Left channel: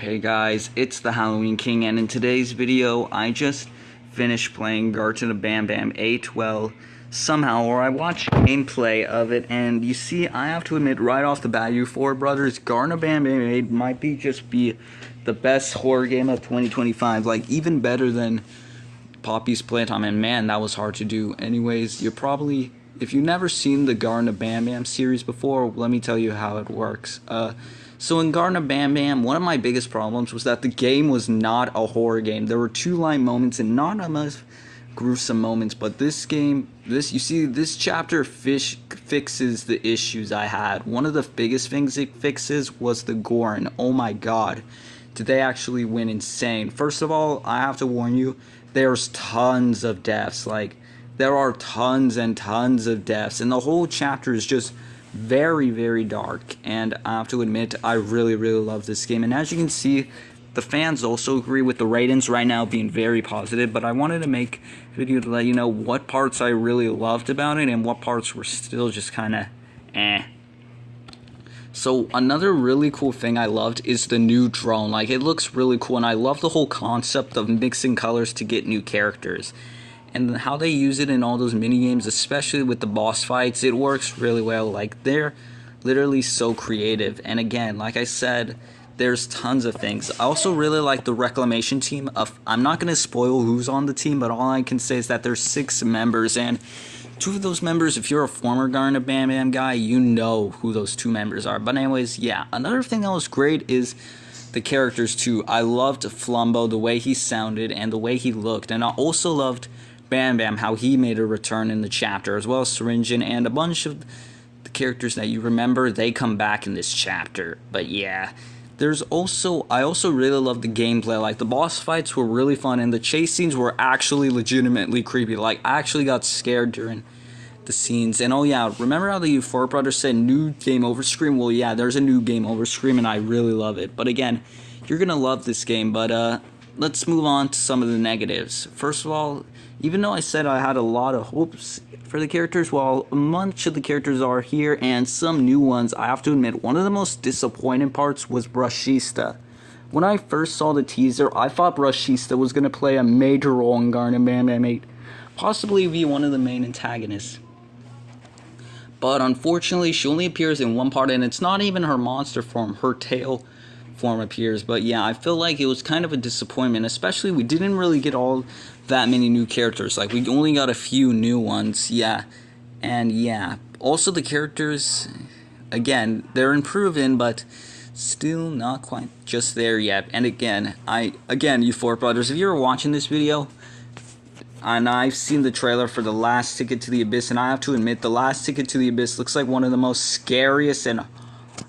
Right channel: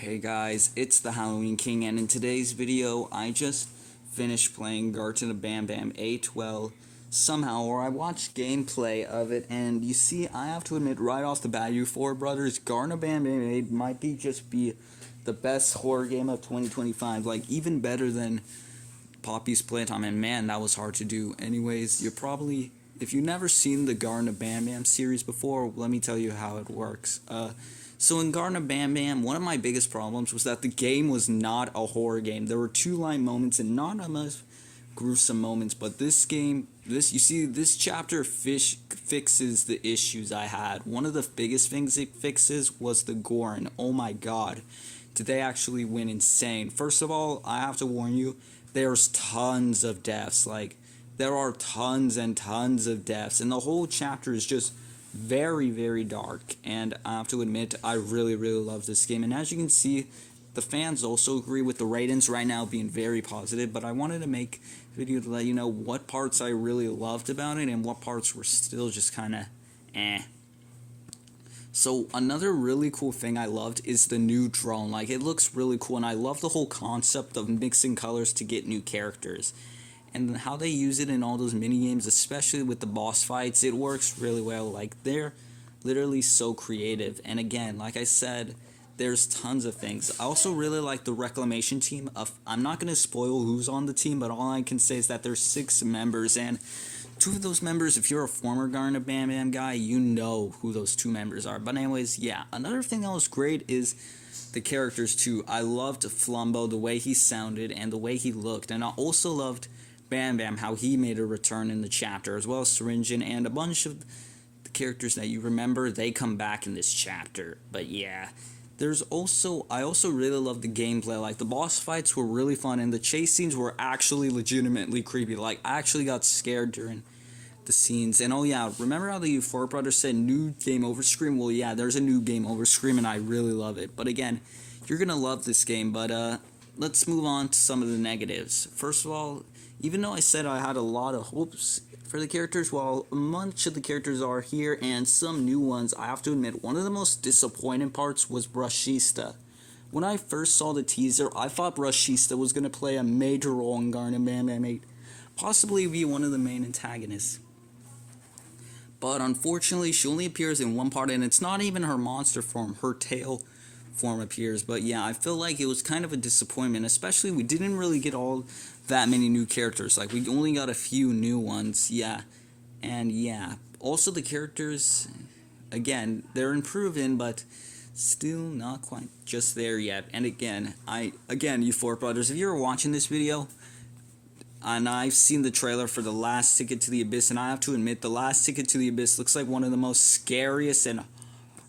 Hey guys, it's the Halloween King, and in today's video, I just finished playing Garten of Banban 8. Well, somehow, or I watched gameplay of it, and you see, I have to admit right off the bat, you four brothers, Garten of Banban 8 might be the best horror game of 2025, like even better than Poppy's Playtime, and man, that was hard to do. Anyways, if you've never seen the Garten of Banban series before, let me tell you how it works. So in Garten of Banban, one of my biggest problems was that the game was not a horror game. There were two-line moments and not enough gruesome moments, but this chapter fixes the issues I had. One of the biggest things it fixes was the gore, and oh my god, did they actually went insane. First of all, I have to warn you, there's tons of deaths. Like, there are tons and tons of deaths, and the whole chapter is just very, very dark, and I have to admit, I really, really love this game. And as you can see, the fans also agree with the ratings right now being very positive, but I wanted to make a video to let you know what parts I really loved about it and what parts were still just kind of eh. So another really cool thing I loved is the new drone. Like, it looks really cool, and I love the whole concept of mixing colors to get new characters. And how they use it in all those mini games, especially with the boss fights, it works really well. Like, they're literally so creative. And again, like I said, there's tons of things. I also really like the reclamation team. I'm not going to spoil who's on the team, but all I can say is that there's 6 members, and 2 of those members, if you're a former Garten of Banban guy, you know who those 2 members are. But anyways, yeah, another thing that was great is the characters too. I loved Flumbo, the way he sounded and the way he looked, and I also loved Bam Bam, how he made a return in the chapter, as well as Syringin, and a bunch of the characters that you remember, they come back in this chapter. But yeah, I also really love the gameplay. Like, the boss fights were really fun, and the chase scenes were actually legitimately creepy. Like, I actually got scared during the scenes. And oh yeah, remember how the Euphoric Brothers said new game over screen? Well, yeah, there's a new game over screen, and I really love it. But again, you're gonna love this game. But let's move on to some of the negatives. First of all, even though I said I had a lot of hopes for the characters, while much of the characters are here and some new ones, I have to admit, one of the most disappointing parts was Brushista. When I first saw the teaser, I thought Brushista was going to play a major role in Garten of Banban 8, possibly be one of the main antagonists. But unfortunately, she only appears in one part, and it's not even her monster form, her tail form appears. But yeah, I feel like it was kind of a disappointment, especially we didn't really get all that many new characters. Like, we only got a few new ones. Yeah, and yeah, also the characters, again, they're improving, but still not quite just there yet. And again, you four brothers, if you're watching this video, and I've seen the trailer for The Last Ticket to the Abyss, and I have to admit, The Last Ticket to the Abyss looks like one of the most scariest and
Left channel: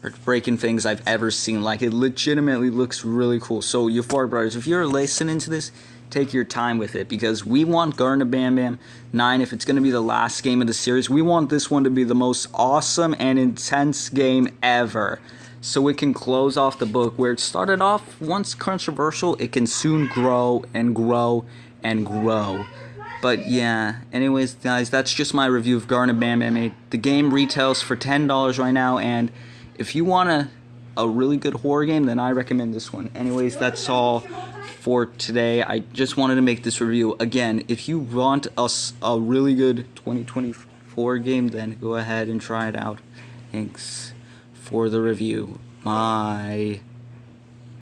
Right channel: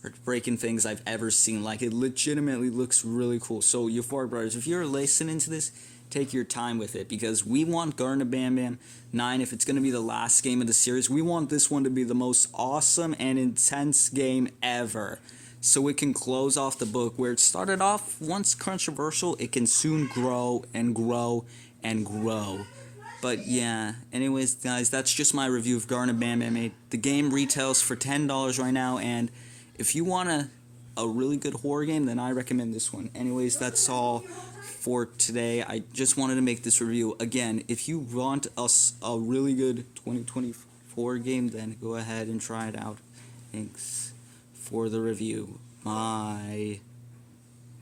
heartbreaking things I've ever seen. Like, it legitimately looks really cool. So, Euphoric Brothers, if you're listening to this, take your time with it, because we want Garten of Banban 9, if it's going to be the last game of the series, we want this one to be the most awesome and intense game ever, so it can close off the book where it started off. Once controversial, it can soon grow and grow and grow. But yeah, anyways guys, that's just my review of Garten of Banban 8. The game retails for $10 right now, and if you want a really good horror game, then I recommend this one. Anyways, that's all for today. I just wanted to make this review. Again, if you want a really good 2024 game, then go ahead and try it out. Thanks for the review. Bye.